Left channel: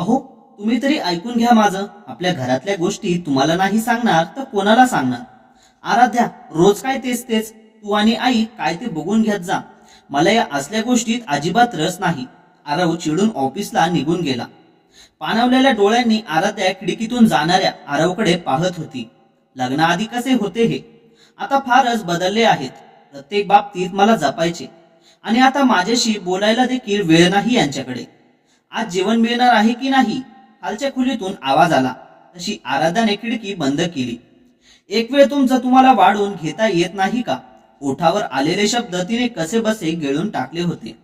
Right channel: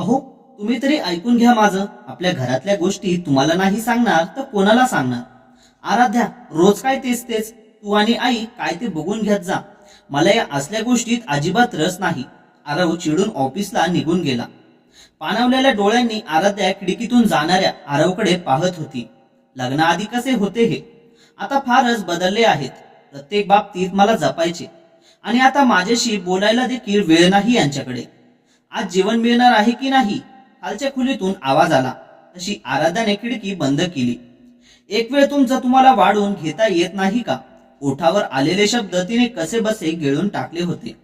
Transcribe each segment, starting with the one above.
अहो, तुम्ही तरी ऐकून घ्या माझं. आपल्या घरातल्या गोष्टी तुम्हाला नाही सांगणार तर कोणाला सांगणार? आराध्या, रोज काय तेच तेच. तू आणि आई काय ते बघून घेत जा. मला या असल्या गोष्टीत अजिबात रस नाही. आरव चिडून ऑफिसला निघून गेला. पाणावलेल्या डोळ्यांनी आराध्या खिडकीतून जाणाऱ्या आरवकडे पाहत होती. लग्नाआधी कसे होते हे आता फारच बदलले आहेत. प्रत्येक बाबतीत मला जपायचे आणि आता माझ्याशी बोलायला देखील वेळ नाही यांच्याकडे. आज जेवण मिळणार आहे की नाही? खालच्या खोलीतून आवाज आला. तशी आराध्याने खिडकी बंद केली. एक वेळ तुमचं तुम्हाला वाढून घेता येत नाही का? ओठावर आलेले शब्द तिने कसे बसे गिळून टाकले होते.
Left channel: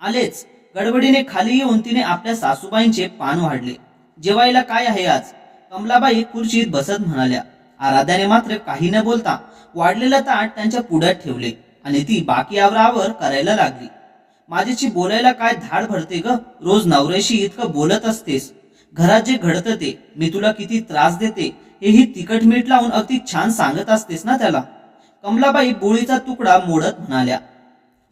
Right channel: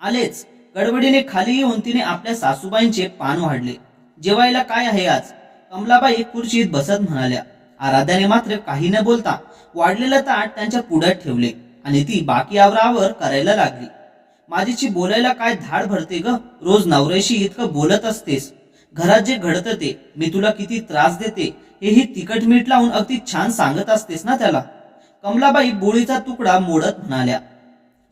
आलेच. गडबडीने खाली येऊन तिने आपल्या सासूबाईंचे पान वाढले. जेवायला काय आहे आज? कमलाबाई खुर्चीत बसत म्हणाल्या. आराध्याने मात्र काही न बोलता वाढलेलं ताट त्यांच्या पुढ्यात ठेवले आणि ती बाकी आवरावर करायला लागली. माझ्याशी बोलायला काय धाड भरते ग? रोज नवऱ्याशी इतकं बोलत असतेस. घरात जे घडतं ते, मी तुला किती त्रास देते हेही तिखट मीठ लावून अगदी छान सांगत असतेस ना त्याला. कमलाबाई बोळीचा तुकडा मोडत म्हणाल्या.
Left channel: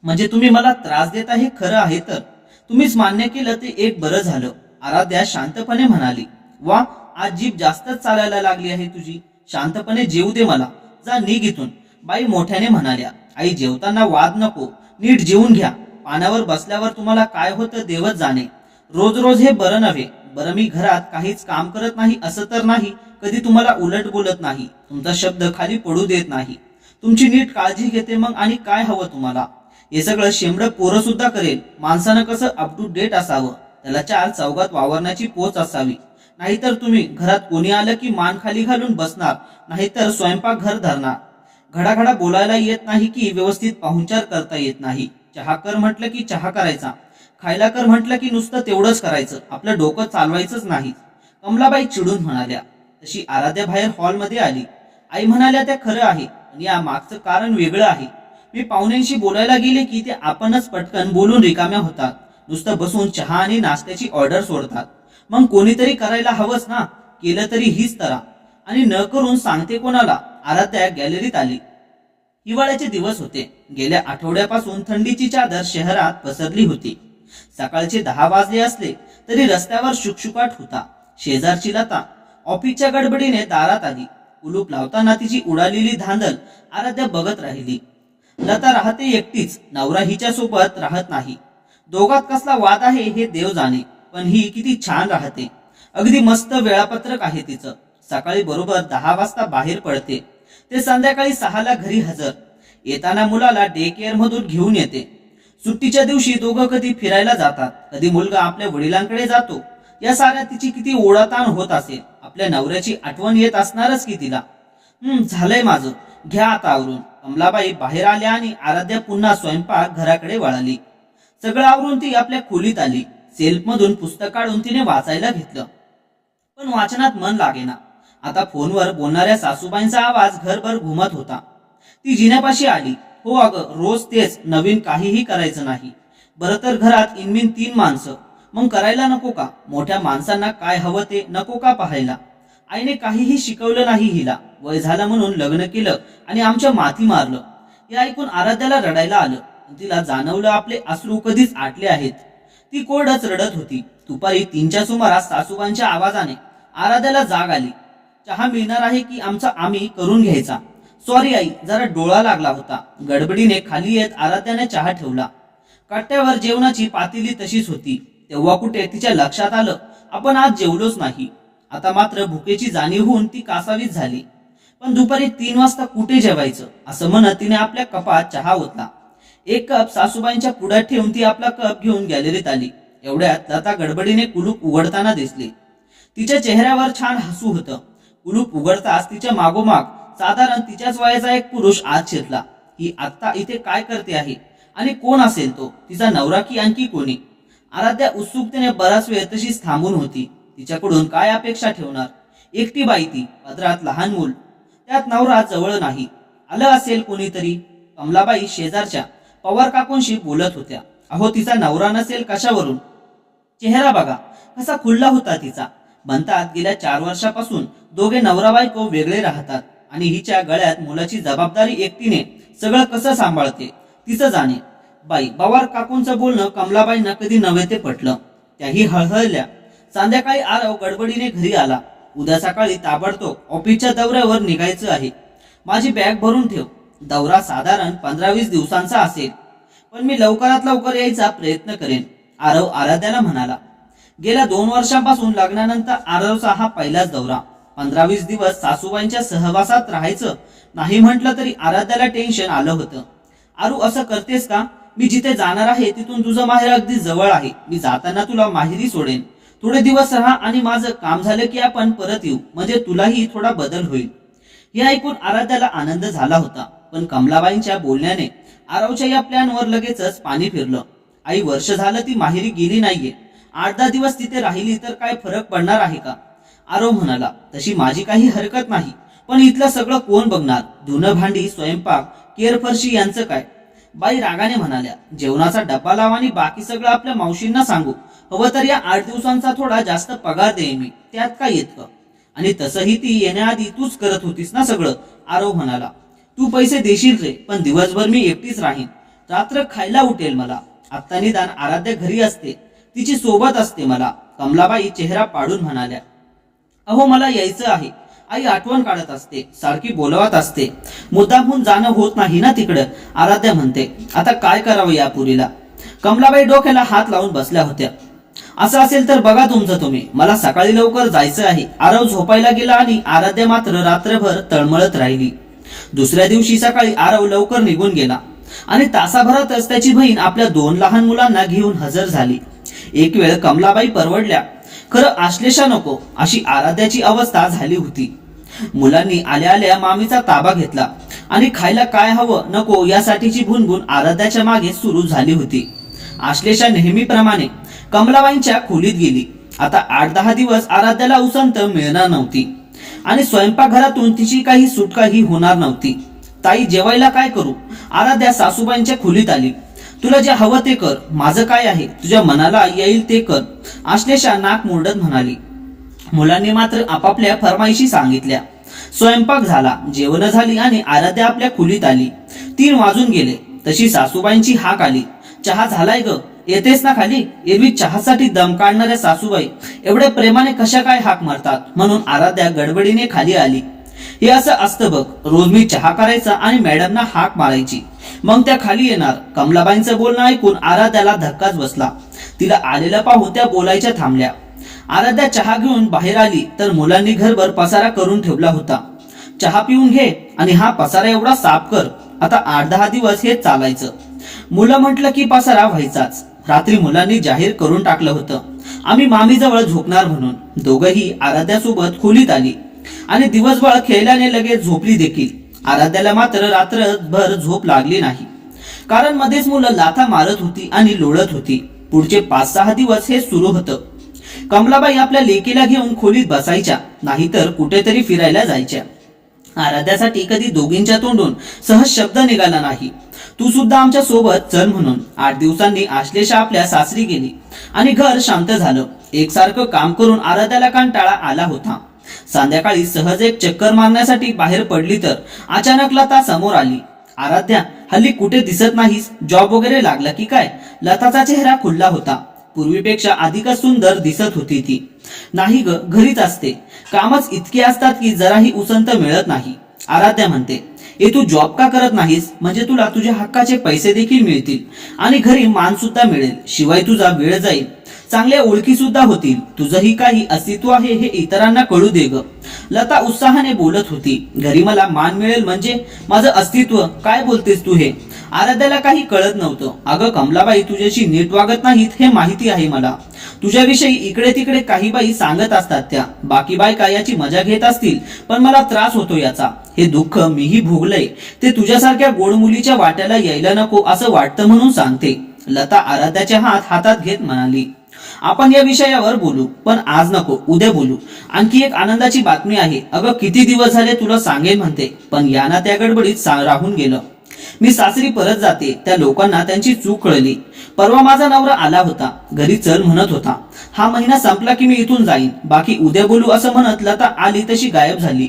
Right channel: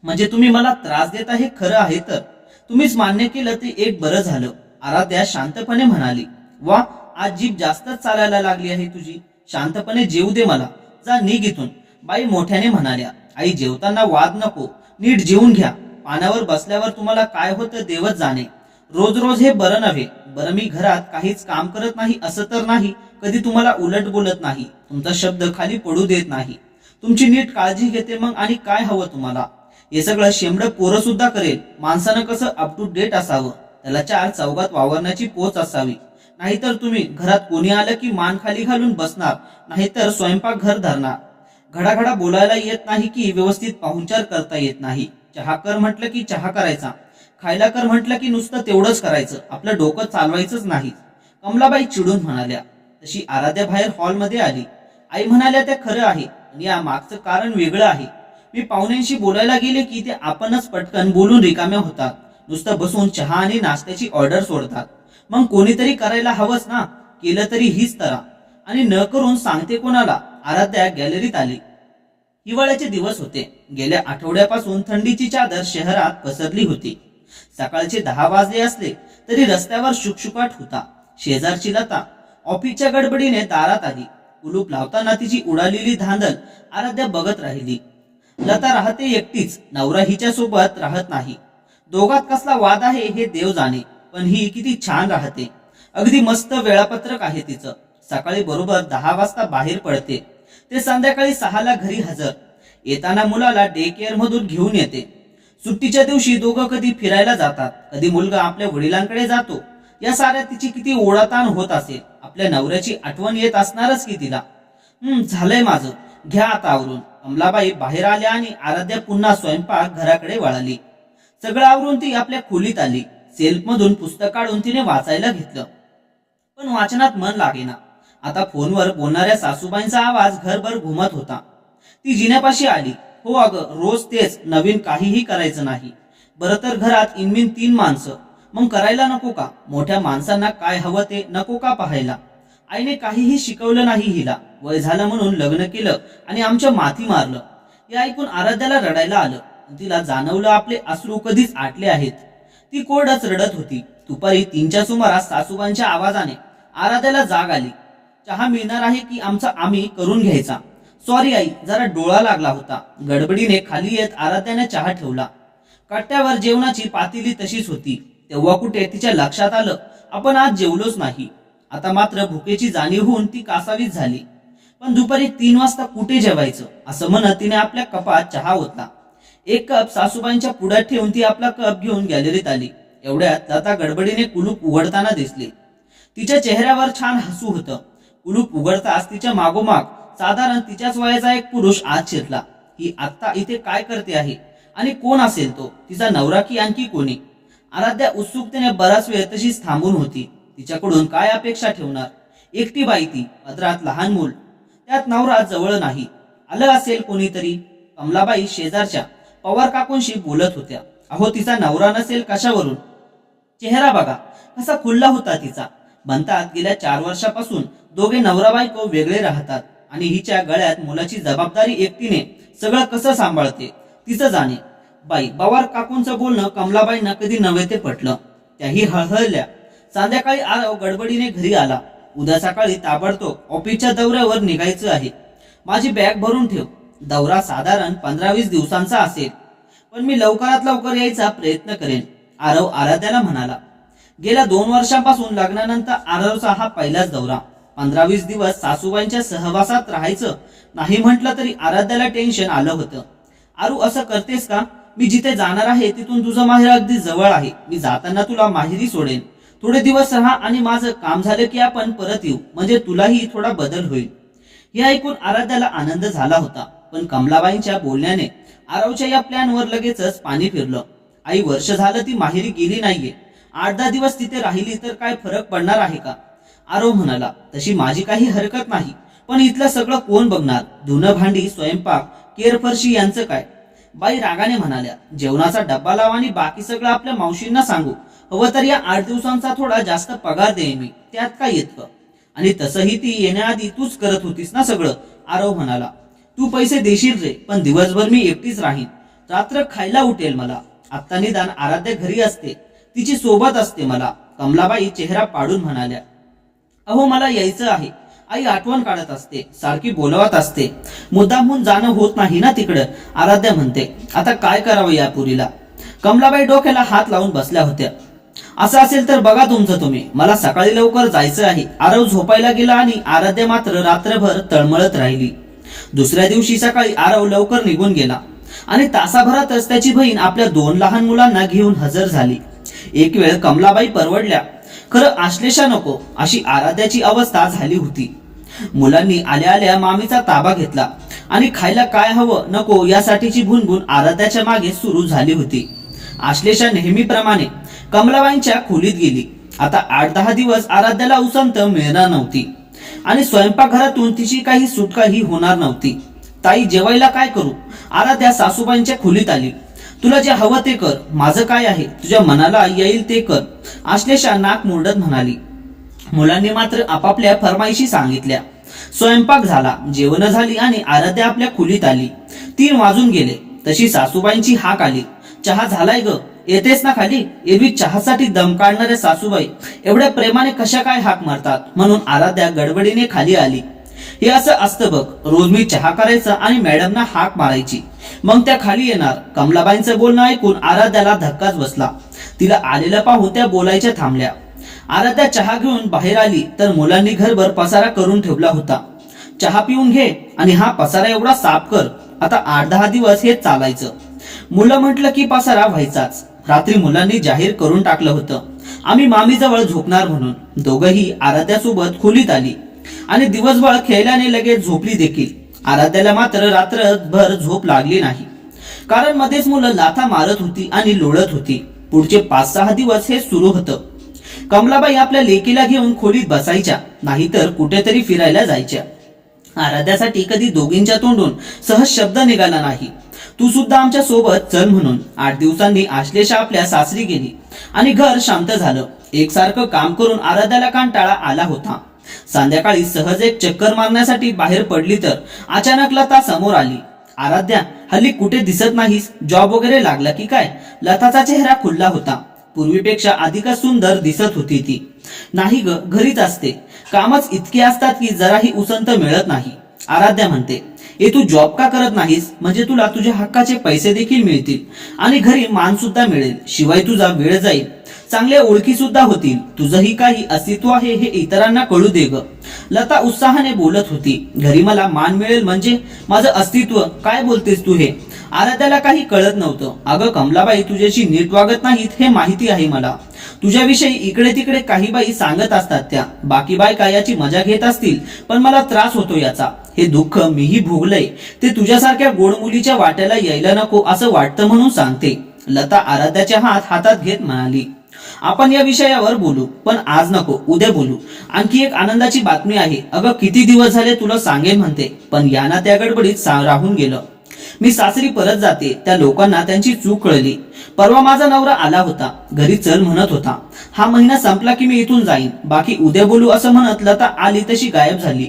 म्हणजे तुम्ही मला त्रास देता हे खरं आहे तर तुम्हीच मान्य केलं ते एक बरं झालं. आराध्या शांतपणे म्हणाली. वा, आज जीभ जास्तच चालायला लागली आहे तुझी. शांतपणे जेवू दे मला. जा निघ इथून. बाई मोठ्याने म्हणाल्या. आई, जेवताना वाद नको, नीट जेवून घ्या. पाण्यावर बसल्यावर तुम्हाला काय होतं देवच जाणे. रोज रोज हे बरं नव्हे. बरं, मी घरात काहीच काम करत नाही असं तर नाही? कधी तुम्हाला उलट बोलत नाही, तुमचा शब्द खाली पडू देत नाही, तुमची नीट काळजी घेते. मग आणि काय हवं तुम्हाला? हे सगळं शेंबडं पोरं सुद्धा करेल. माणसानं कसं अप टू डेट असावं, त्याला चार चौघात वावरण्याची पोच असावी. नाहीतर तुम्ही घरात कोणी आलं की मान खाली घालून बसणार, नाहीतर स्वयंपाक घर धरणार. घडाघडा बोलायला येत नाही की व्यवस्थित पाहुणचार करता येत नाही. चहा कर म्हटलं की चहा करायचा, खायला कर म्हटलं की नुसतं तेवढंच करायचं, आपलं डोकं चालवायचंच नाही. कमलाबाई चिडून म्हणाल्या. तशी आराध्या बाहेर हॉलमध्ये आली. आई म्हणाल्या त्या खरं आहे, पण या मागचं कारण वेगळं आहे. मी पाहुण्यांशी बोलायला गेले की ते आपणच पटकन बोलून रिकाम्या होतात. नुसतं बसून चहा आणि नाश्त्याची ऑर्डर सोडतात. मग कोणीतरी करायला हवंच ना. केलं तरी हीच तरा. आणि न करून सांगते कोणाला? आराध्या गॅलरीत आली. हिवाळ्याचे दिवस होते. गेल्या आठवड्यापासून थंडीची चादर शहरात पसरली होती. सकाळचे 10 वाजले असले तरी रस्त्यावर शुकशुकाट होता. शेजारची लता ऑफिसच्या गडबडीने दारात आली. कुलूप लावताना तिची उडालेली धांदल आराध्या बघत राहिली. लता राहते एकटीच, नवरा हिच्या सोबत राहत नाही. दोघात कसला वाद आहे हे देव जाणे, पण ही किती छान राहते. अगदी मस्त वेळापत्रक आहे तिचं. सकाळी बरोबर 10 वाजता बाहेर पडते, ते संध्याकाळी 6ला घरी हजर. येताना मुलाला डे केअर मधून घेऊन येते. सुट्टीच्या दिवशी दोघं कधी फिरायला जातात, कधी मुलगा आपल्या वडिलांकडे जातो. या साऱ्या तिची किती ओढाताण होत असेल. आपल्या नवऱ्याची आठवण येत असणारच की तिला. झालंय माझं, घ्या आता आवरून. कमलाबाई बाहेर आल्या आणि आराध्या पुन्हा स्वयंपाक घराकडे वळाली. सगळं आवरून ती आपल्या खोलीत आली. सेल्फमधून पुस्तक काढून तिने वाचायला घेतलं, पण वाचनात मन लागेना. आता फोनवर बोलणाऱ्या सासूबाईंचा आवाज घरभर घुमत होता. ती जिन्यापाशी आली. हो अगं, रोज तेच, नवीन काहीही करायचं नाही. बरं तर घरात इनमिन 3 माणसं, मग करायला नको का? मोठ्या माणसांना काय हवं ते नको का पाहायला? आईने काहीही शिकवलं नाही हिला. वय झालं म्हणून लग्न केलं आणि आमच्या माथी मारलं. हे ऐकून आराध्याला रडायला आलं. तिला जाणवलं आपले अश्रू कधीच आटले आहेत. ती कोरडच रडत होती. दुपारी 3च्या सुमारास सासूबाईंच्या आवाजाने आराध्याला जाग आली. चहा मिळणार आहे की आमचा आम्ही करून घ्यायचा? सॉरी आई, जरा डोळा लागला होता. गडबडीने खाली येत आराध्याने चहा ठेवला. कट्ट्यावर जेवणाची पातेली तशीच होती. तेव्हा कुठे तिच्या लक्षात आलं आपण आज जेवलोच नाही. आता मात्र भुकेची जाणीव होऊन ती कासावीस झाली. पण दुपारी 3 वाजता कुठे जेवायचं असं म्हणत तिने आपल्या कपात चहा ओतला. 1 कप सासूबाईंच्या पुढ्यात ठेवून ती आपला कप घेऊन गॅलरीत आली. एवढ्यात लता गडबडीने कुलूप उघडताना दिसली. तिच्या चेहऱ्यावर छान हसू होतं. कुलूप उघडताच तिच्या मागोमाग साधारण तिच्याच वयाचा एक पुरुष आत शिरला. ही आत्ता इथे काय करते आहे आणि कोण असेल तो? तिचा नवरा की आणखी कोणी? आराध्या उत्सुकतेने बराच वेळ तशीच थांबून होती. तिच्याकडून काय अपेक्षा ठेवणार? एकटी बाई ती, पदरात लहान मूल, त्यात नवरा जवळ नाही. आलं असेल कोणीतरी. कमलाबाई शेजारच्या पवार काकूंशी बोलत होत्या. अहो, तिचा नवरा नसेल कशावरून? चेहरा बघा कसा खुल्ला होता तिचा. म्हणतात गेल्या 4 वर्षापासून दोघे नवरा बायको वेगळे राहतात आणि हिच्या गळ्यात मुलाची जबाबदारी एकटीने सगळं कसं सांभाळते तिचं जाणे. बाई, पवार काकूंचं बोलणं कमलाबाईंना कधी नव्हे ते पटलं. त्याही हळहळल्या. संध्याकाळी आरव गडबडीने घरी आला. उद्या सकाळी ताबडतोब ऑफिसच्या दौऱ्यावर निघायचं आहे. माझी बॅग भरून ठेव. दौरा साधारण 15-20 दिवसांचा असेल, पण मी लवकरात लवकर यायचा प्रयत्न करेन, आरव आराध्याला म्हणाला. गेल्या 2 वर्षांपासून लग्नानंतर आरवचा हा पहिलाच दौरा. 15-20 दिवस सासूबाईंच्या सहवासात राहायचं नाही म्हटलं तरी आराध्याला टेन्शन आलं होतं. आरू, असं करतेस का? मी जिथे जाणार आहे तिथून तुझं माहेर अगदी जवळ आहे. मी जाताना तुला माहेरी सोडेन. थोडे दिवस राहा आणि माझं काम झालं की आपण परत येऊ, म्हणजे तुलाही थोडा बदल होईल. हे ऐकून आराध्याला आनंद झाला होता, पण कमलाबाईंच्या बोलण्याने आरवच्या या प्लॅनवर लगेचच पाणी फिरलं. आई, वर्ष झालं ती माहेरी गेली नाहीये. 8-10 दिवस तिथे राहिली तर काय फरक पडणार आहे का? आरव म्हणाला. तशी माझी काही हरकत नाही, पण इथलं सगळं कोण बघणार? धुणं भांडी, स्वयंपाक, केरफरशी यांचं काय? बाई रागाने म्हणाल्या. जेवणाचा डब्बा लाव आणि बाकी सगळं आपल्या मावशींना सांगू. हवं तर या 8 दिवसांचा थोडा जास्त पगार देईन मी, त्यात काय येतं? आणि तसंही ती येण्याआधी तूच करत होतीस ना सगळं, आरव म्हणाला. तू पैसे देशील रे, पण दिवसभर मी एकटीच राहीन. रात्र खायला उठेल मला. आत्ता निदान आराध्या घरी असते, तिची सोबत असते मला, कमलाबाई चेहरा पाडून म्हणाल्या. अहो, मला यायचं आहे. आई आठवण काढत असते, सारखी बोलवत असते. मुद्दामहून जाणं होत नाही ना तिकडं, आराध्या म्हणते. आता काय करावं या पुरीला? कमलाबाई डोक्याला हात लावून बसल्या होत्या. असं असेल तर बघा तुमचं तुम्ही, मला सकाळी लवकर जायचं आहे. आरव झोपायला गेला आणि आराध्या मात्र रात्रभर तळमळत राहिली. दुसऱ्या दिवशी सकाळी आरव लवकर निघून गेला आणि तासाभरातच त्याची बहीण आपल्या 2 लहान मुलांना घेऊन हजर झाली. एक वेळ कमलाबाई परवडल्या, खरं आश्लेषा नको अशी आराध्याची अवस्था झाली होती. मुलांनी आल्या आल्या मामीचा ताबा घेतला आणि खायला काय हवं नको यासाठीची भुणभुण आराध्याच्या मागे सुरू झाली होती. आश्लेषा नेहमीप्रमाणे कमलाबाईंच्या खोलीत गेली. आता 8-10 दिवस आराध्याला उसंत मिळणार नव्हती आणि स्वयंपाकघरातून तिची काही सुटकाही होणार नव्हती. ताई, जेवायला काय करू? आराध्या सासूबाईंच्या खोलीत आली. तुला जे हवं ते कर, माझं काय आहे, तुझ्या मनाला येईल ते कर, आश्लेषा नाक मुरडत म्हणाली. मुलांनी मात्र आपापल्या फरमाईशी सांगितल्या. स्वयंपाक झाला, जेवण झाली आणि आराध्या आपल्या खोलीत आली. 3 वाजून गेले तशी सासूबाईंची हाक आली. चहा झालाय ग, येतेस ना खाली? एरवी चहासाठी दम काढणाऱ्या सासूबाई एवढ्या प्रेमाने कशा काय हाक मारतात, म्हणून आराध्या गडबडीने खाली आली. हे असं असतं बघ, रोज मी चहा करायचा आणि मॅडमना हाक मारायची, मग त्या खाली येणार. कमलाबाईंचं बोलणं ऐकून आराध्याला धक्काच बसला. तिला आलेलं पाहून त्या बोलायच्या थांबल्या. आराध्या चहा घेऊन बाहेर आली तर मुलांनी घरभर पसारा करून ठेवला होता. चहा पिऊन घे आणि हा पसारा एवढा साफ कर. आता 8-10 दिवस हेच चालायचं. मुलं म्हटलं की पसारा व्हायचाच. रात्री मुलांनी जाहीर करून टाकलं होतं आम्ही मामीजवळ झोपणार म्हणून. दोघंही आराध्यासोबत खोलीत आली आणि दिवसभर खेळल्याने लगेच झोपली देखील. आराध्याला मात्र रात्रभर झोप लागली नाही, कारण मध्येच मुलं लाथा मारत होती आणि लोळत होती. पुढचे 5-6 दिवस हे सुरू होतं. कमलाबाई आपल्या लेकीला घेऊन खोलीत बसायच्या, नाहीतर कुठेतरी फिरायला जायच्या. आराध्यासाठी कधी दोघींच्या तोंडून सहज शब्द निघाला नाही. तू सुद्धा आमच्या सोबत चल म्हणून. 8 दिवसांनी आश्लेषा आपल्या सासरी गेली आणि घर शांत झालं. एकसारखं काम करून आराध्याला कंटाळा आला होता. संध्याकाळी सहज एक चक्कर मारण्यासाठी बाहेर पडली तर अचानक लता समोर आली. आराध्या, हल्ली कुठे दिसत नाहीस? जॉब वगैरे लागला की काय? लताचा चेहरा खुलला होता. पूर्वीपेक्षा अधिकच सुंदर दिसत होती ती. नाही ग, घरीच असते. कामच इतके असतात की जराही उसंत मिळत नाही. आराध्या म्हणते. तू जॉब का करत नाहीस? म्हणजे तुला तुझ्या हक्काचे पैसे देखील मिळतील आणि घरी मान सुद्धा मिळेल. शिवाय तुझा वेळ जाईल, चांगल्या ओळखी सुद्धा होतील. तुझंही काही अस्तित्व आहे हे इतरांना कळू दे ग. लता उत्साहाने बोलत होती. घरी मला मान मिळेल म्हणजे माझं अस्तित्व? काय बोलतेस तू हे? आराध्याला काही कळत नव्हतं. अगं कमलाबाई तुझ्याशी नीट वागत नाहीत हे माहिती आहे मला. तुझ्याविषयी इकडे तिकडे काही बाई सांगत असतात, त्या बाकी बायका याची मजा घेत असतील, पण मला त्रास होतो याचा. हे दुःख मीही भोगलंय. ते तुझ्यासारख्या गोड मुलीच्या वाट्याला यायला नको असं वाटतं म्हणून सांगते. लता आराध्याच्या हातात घेत म्हणाली. आपण या विषयावर बोलू, पण आज नको, उद्या बोलू. आणखी एक आनंदाची बातमी आहे. अगं किती दिवस झाले तुला सांगेन म्हणते, पण याना त्या गडबडीत राहून गेलं. मी सासरी परत जाते. त्या लोकांना त्यांची चूक कळली. परवा माझा नवरा आला होता, घरी चल म्हणत होता. हा महिना संपला की मी इथून जाईन, बाकी उद्या बोलू असं म्हणत लता आली तशी गायब झाली.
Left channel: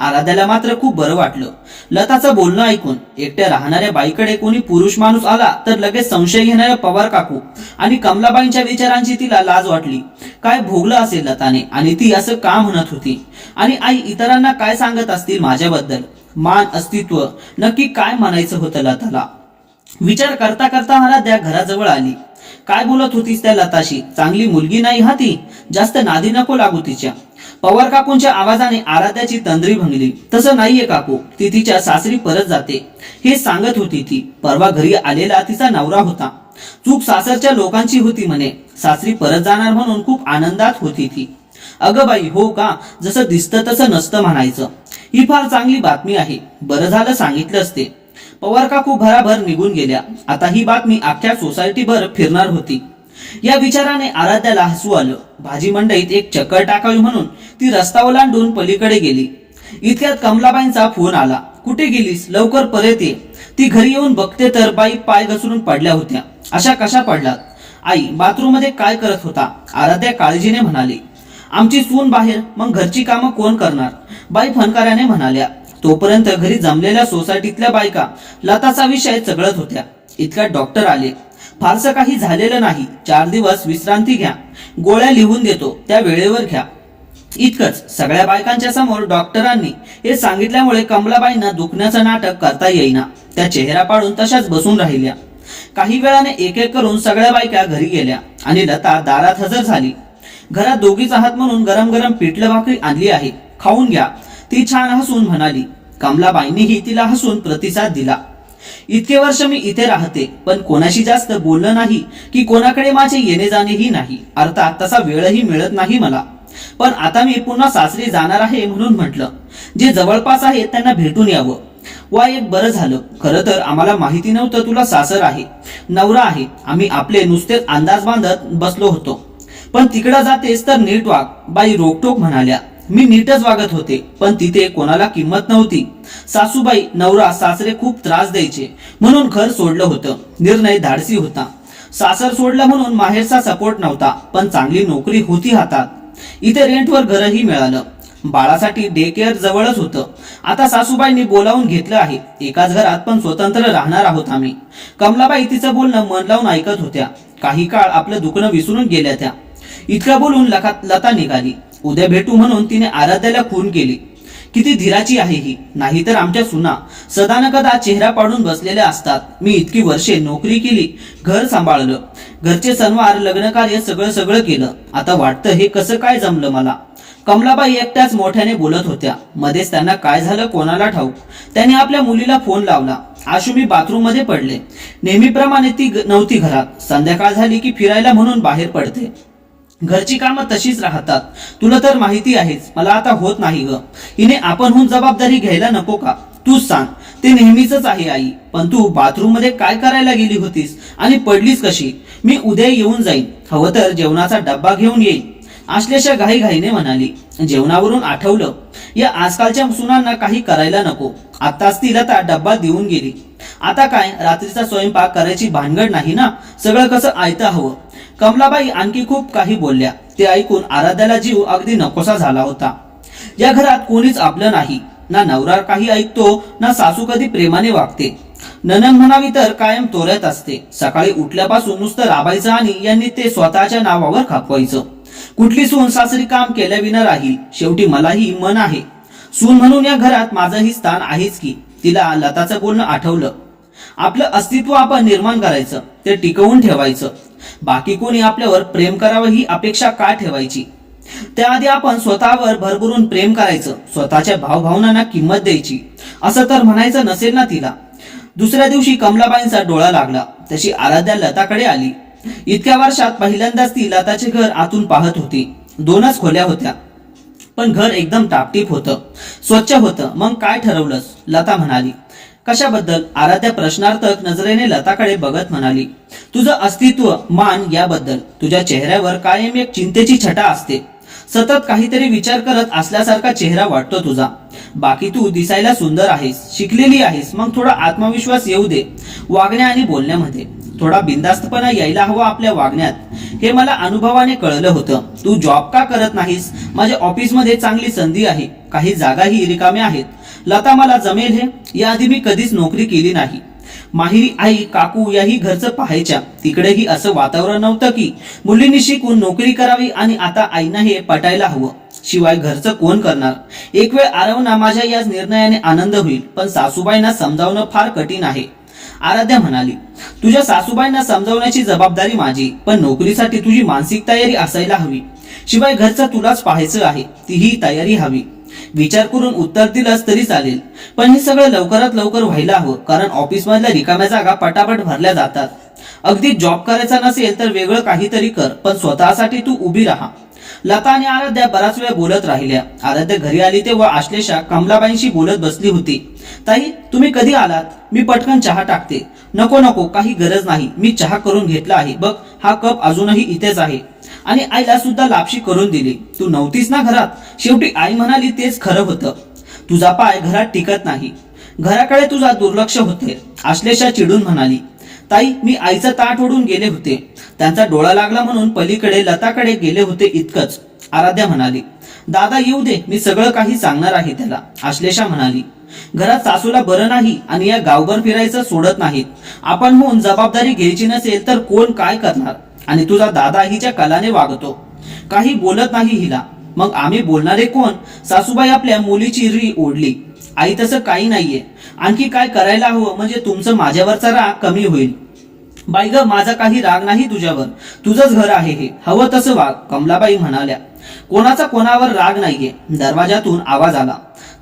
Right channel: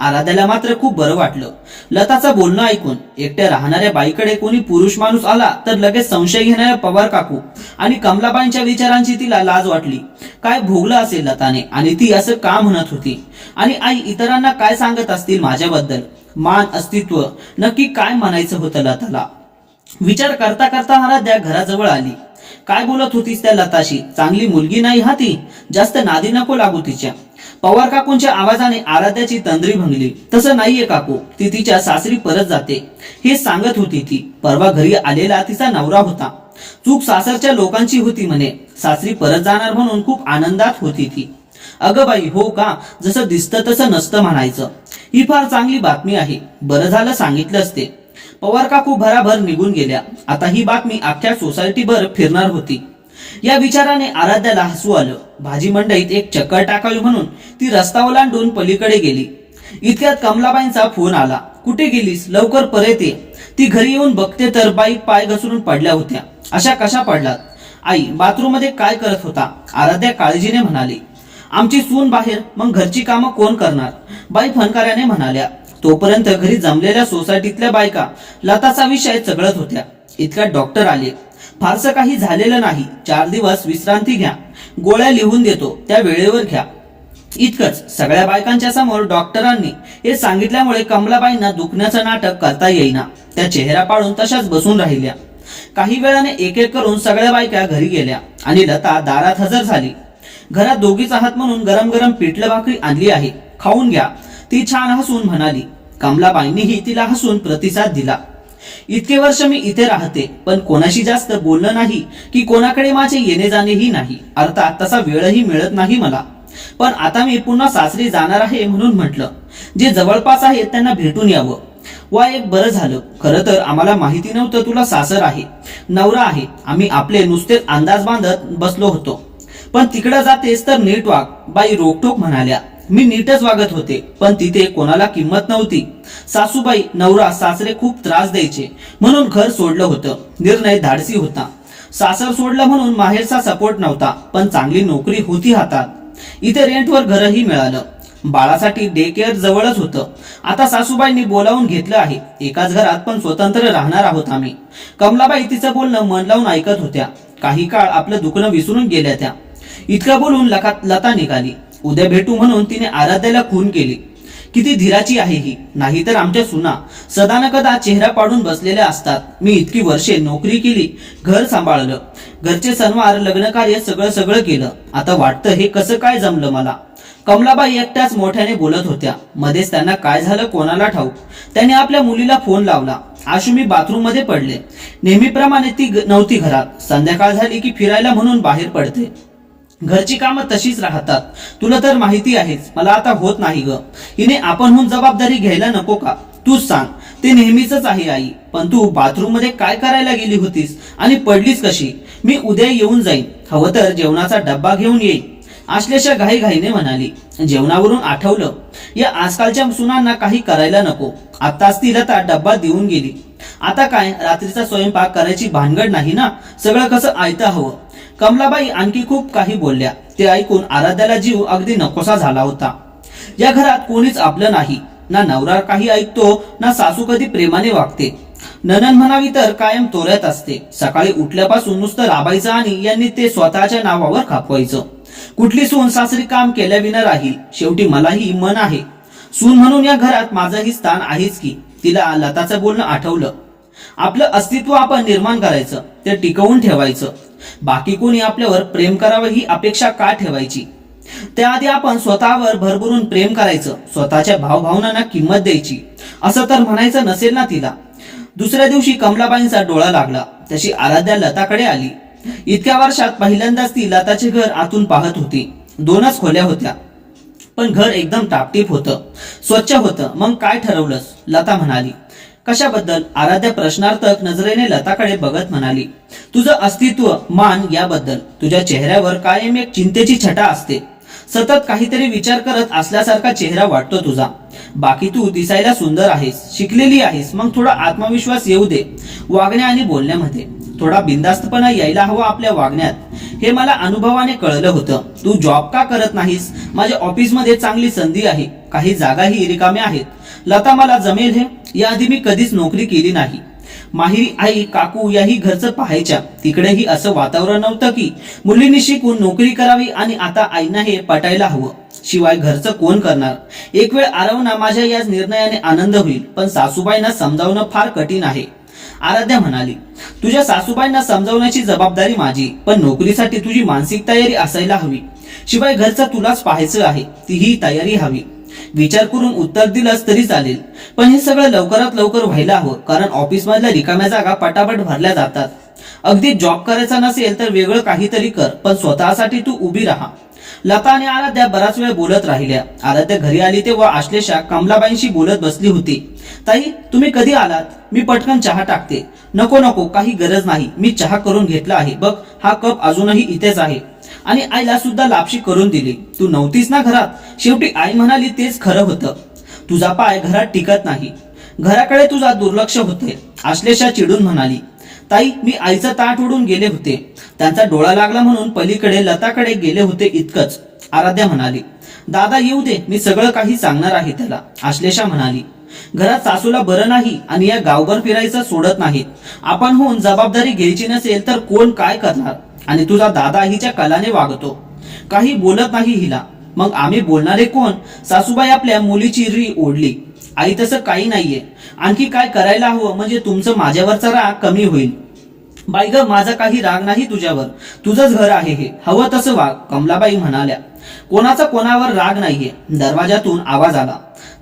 आराध्याला मात्र खूप बरं वाटलं. लताचं बोलणं ऐकून. एकट्या राहणाऱ्या बाईकडे कोणी पुरुष माणूस आला तर लगेच संशय घेणाऱ्या पवार काकू आणि कमलाबाईंच्या विचारांची तिला लाज वाटली. काय भोगलं असेल लताने आणि ती असं का म्हणत होती? आणि आई इतरांना काय सांगत असतील माझ्याबद्दल? मान, अस्तित्व, नक्की काय म्हणायचं होतं लताला? विचार करता करता आराध्या घराजवळ आली. काय बोलत होतीस त्या लताशी? चांगली मुलगी नाही हा ती, जास्त नादी नको लागू तिच्या. पवार काकूंच्या आवाजाने आराध्याची तंद्री भंगली. तसं नाहीये काकू, ती तिच्या सासरी परत जाते हे सांगत होती ती. परवा घरी आलेला तिचा नवरा होता. चूक सासरच्या लोकांची होती म्हणे. सासरी परत जाणार म्हणून खूप आनंदात होती ती. अगं बाई, हो का? जसं दिसतं तसं नसतं म्हणायचं. ही फार चांगली बातमी आहे. बरं झालं सांगितलंच ते. पवार काकू भराभर निघून गेल्या. आता ही बातमी अख्ख्या सोसायटीभर फिरणार होती. या विचाराने आराध्याला हसू आलं. भाजी मंडईत एक चक्कर टाकावी म्हणून ती रस्ता ओलांडून पलीकडे गेली. इतक्यात कमलाबाईंचा फोन आला. कुठे गेलीस? लवकर परत ये. ती घरी येऊन बघते तर बाई पाय घसरून पडल्या होत्या. अशा कशा पडलात? आई, बाथरूम मध्ये काय करत होता? आराध्या काळजीने म्हणाली. आमची सून बाहेर, मग घरची कामं कोण करणार? बाई फनकाऱ्याने म्हणाल्या. तोपर्यंत घरी जमलेल्या सोसायटीतल्या बायका लताचा विषय चघळत होत्या. इतक्यात डॉक्टर आले. फारसं काही झालेलं नाही. 4 दिवस विश्रांती घ्या. गोळ्या लिहून देतो, त्या वेळेवर घ्या. इतकंच. सगळ्या बायकांच्या समोर डॉक्टरांनी हे सांगितल्यामुळे कमलाबाईंना दुखण्याचं नाटक करता येईना. त्या चेहरा पाडून तशाच बसून राहिल्या. काही वेळाने एक एक करून सगळ्या बायका घरी गेल्या आणि लता दारात हजर झाली. घरात दोघीच आहात म्हणून गरम गरम पिठलं भाकरी आणली आहे, खाऊन घ्या, ती छान हसून म्हणाली. कमलाबाईंनीही तिला हसून प्रतिसाद दिला. इतके वर्ष मी इथे राहते, पण कोणाशी जास्त बोलणं नाही की कोणाकडे माझे येणे जाणेही नाही. अर्थात तसा वेळही मिळत नाही मला. पण आता मी पुन्हा सासरी जाणार आहे म्हणून म्हटलं, जे जवळपास आहेत त्यांना भेटून यावं. वा, एक बरं झालं. खरं तर आम्हाला माहिती नव्हतं तुला सासर आहे, नवरा आहे. आम्ही आपले नुसते अंदाज बांधत बसलो होतो. पण तिकडं जातेस तर नीट वाग, बाई रोकटोक म्हणाल्या. मी नीटच वागत होते, पण तिथे कोणाला किंमत नव्हती. सासूबाई, नवरा, सासरे खूप त्रास द्यायचे म्हणून घर सोडलं होतं. निर्णय धाडसी होता. सासर सोडलं म्हणून माहेरचा सपोर्ट नव्हता, पण चांगली नोकरी होती हातात. इथे रेंटवर घरही मिळालं. बाळासाठी डे केअर जवळच होतं. आता सासूबाईंनी बोलावून घेतलं आहे. एकाच घरात पण स्वतंत्र राहणार आहोत आम्ही. कमलाबाई तिचं बोलणं मन लावून ऐकत होत्या. काही काळ आपलं दुखणं विसरून गेल्या त्या. इतकं बोलून लता निघाली. उद्या भेटू म्हणून तिने आराध्याला खून केली. किती धीराची आहे ही. नाहीतर आमच्या सुना सदा न कदा चेहरा पाडून बसलेल्या असतात. मी इतकी वर्षे नोकरी केली, घर सांभाळलं, घरचे सणवार, लग्नकार्य सगळं केलं. आता वाटतं हे कसं काय जमलं मला. कमलाबाई एकट्याच मोठ्याने बोलत होत्या. मध्येच त्यांना काय झालं कोणाला ठाऊक. त्याने आपल्या मुलीला फोन लावला. आशू, मी बाथरूम मध्ये पडले. नेहमीप्रमाणे ती नव्हती घरात. संध्याकाळ झाली की फिरायला म्हणून बाहेर पडते. घरची कामं तशीच राहतात. तुला तर माहिती आहेच, मला आता होत नाही ग. हिने आपणहून जबाबदारी घ्यायला नको का? तूच सांग. ते नेहमीच आहे आई. पण तू बाथरूम मध्ये काय करायला गेली होतीस आणि पडलीस कशी? मी उद्या येऊन जाईन, हवं तर जेवणाचा डब्बा घेऊन येईन, आश्लेषा घाईघाईने म्हणाली. जेवणावरून आठवलं, या आजकालच्या सुनांना काही करायला नको. आत्ताच तिला त्या डब्बा देऊन गेली. आता काय, रात्रीचा स्वयंपाक करायची भानगड नाही ना. सगळं कसं आयतं हवं. कमलाबाई आणखी खूप काही बोलल्या. ते ऐकून आराध्याला जीव अगदी नकोसा झाला होता. या घरात कोणीच आपलं नाही. ना नवरा काही ऐकतो, ना सासू कधी प्रेमाने वागते. नणंद म्हणावी तर कायम तोऱ्यात असते. सकाळी उठल्यापासून नुसतं राबायचं आणि यांनी ते स्वतःच्या नावावर खापवायचं. कुठली सून सासरी काम केल्याविना राहील. शेवटी मलाही मन आहे. सून म्हणून या घरात माझंही स्थान आहेच की. तिला लताचं बोलणं आठवलं. आपलं अस्तित्व आपण निर्माण करायचं, ते टिकवून ठेवायचं. बाकी कोणी आपल्यावर प्रेम करावं ही अपेक्षा का ठेवायची? त्याआधी आपण स्वतःवर भरभरून प्रेम करायचं, स्वतःच्या भावभावनांना किंमत द्यायची. असं तर म्हणायचं नसेल ना तिला. दुसऱ्या दिवशी कमलाबाईंचा डोळा लागला तशी आराध्या लताकडे आली. इतक्या वर्षात पहिल्यांदाच ती लताचे घर आतून पाहत होती. 2च खोल्या होत्या, पण घर एकदम टापटीप होतं, स्वच्छ होतं. मग काय ठरवलंस? लता म्हणाली. कशाबद्दल? आराध्या प्रश्नार्थक नजरेने लताकडे बघत म्हणाली. तुझं अस्तित्व, मान याबद्दल. तुझ्या चेहऱ्यावर कायम एक चिंतेची छटा असते. सतत काहीतरी विचार करत असल्यासारखा चेहरा वाटतो तुझा. बाकी तू दिसायला सुंदर आहेस, शिकलेली आहेस. मग थोडा आत्मविश्वास येऊ दे वागण्या आणि बोलण्यामध्ये. थोडा बिनधास्तपणा यायला हवा आपल्या वागण्यात. हे मला अनुभवाने कळलं होतं. तू जॉब का करत नाहीस? माझ्या ऑफिसमध्ये चांगली संधी आहे. काही जागाही रिकाम्या आहेत. लता, मला जमेल हे? याआधी मी कधीच नोकरी केली नाही. माहेरी आई काकू याही घरचं पाहायच्या. तिकडेही असं वातावरण नव्हतं की मुलींनी शिकून नोकरी करावी आणि आता आईना हे पटायला हवं. शिवाय घरचं कोण करणार? एक वेळ आरवना माझ्या या निर्णयाने आनंद होईल, पण सासूबाईंना समजावणं फार कठीण आहे. आराध्या म्हणाली, तुझ्या सासूबाईंना समजावण्याची जबाबदारी माझी, पण नोकरीसाठी तुझी मानसिक तयारी असायला हवी. शिवाय घरचं तुलाच पाहायचं आहे, तीही तयारी हवी. विचार करून उत्तर दिलंस तरी चालेल, पण हे सगळं लवकरात लवकर व्हायला हवं, कारण ऑफिसमधल्या रिकाम्या जागा पटापट भरल्या जातात. अगदी जॉब करायचा नसेल तर वेगळं काहीतरी कर, पण स्वतःसाठी तू उभी राहा. लता आणि आराध्या बराच वेळ बोलत राहिल्या. आराध्या घरी आली तेव्हा आश्लेषा कमलाबाईंशी बोलत बसली होती. ताई, तुम्ही कधी आलात? मी पटकन चहा टाकते. नको नको, काही गरज नाही, मी चहा करून घेतला आहे बघ, हा कप अजूनही इथेच आहे. आणि आईला सुद्धा लापशी करून दिली. तू नव्हतीस ना घरात? शेवटी आई म्हणाली तेच खरं होतं. तुझा पाय घरात टिकत नाही, घराकडे तुझा दुर्लक्ष होते. आश्लेषा चिडून म्हणाली, ताई, मी आईचं ताट ओढून गेले होते. त्यांचा डोळा लागला म्हणून पलीकडे लताकडे गेले होते इतकंच. आराध्या म्हणाली, दादा येऊ दे, मी सगळं काही सांगणार आहे त्याला. आश्लेषा म्हणाली, घरात सासूला बरं नाही आणि या गावभर फिरायचं सोडत नाहीत. आपण होऊन जबाबदारी घ्यायची नसेल तर कोण काय करणार? आणि तुझा दादा हिच्या कलाने वागतो, काही बोलत नाही हिला. मग आम्ही बोलणारे कोण? सासूबाई आपल्या मुलीची री ओढली. आई, तसं काही नाहीये, आणखी काय करायला हवं म्हणजे तुमचं माझ्यावरचा राग कमी होईल. बाई ग, माझा काही राग नाही तुझ्यावर, तुझंच घर आहे हे, हवं तसं वाग. कमलाबाई म्हणाल्या, कोणाचा कोणावर राग नाहीये. दरवाजातून आवाज आला,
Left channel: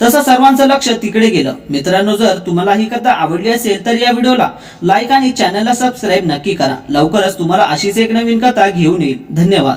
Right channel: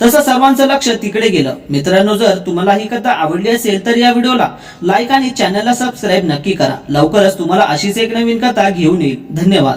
तसं सर्वांचं लक्ष तिकडे गेलं. मित्रांनो, जर तुम्हाला ही कथा आवडली असेल तर या व्हिडिओला लाईक आणि चॅनलला सबस्क्राईब नक्की करा. लवकरच तुम्हाला अशीच एक नवीन कथा घेऊन येईल. धन्यवाद.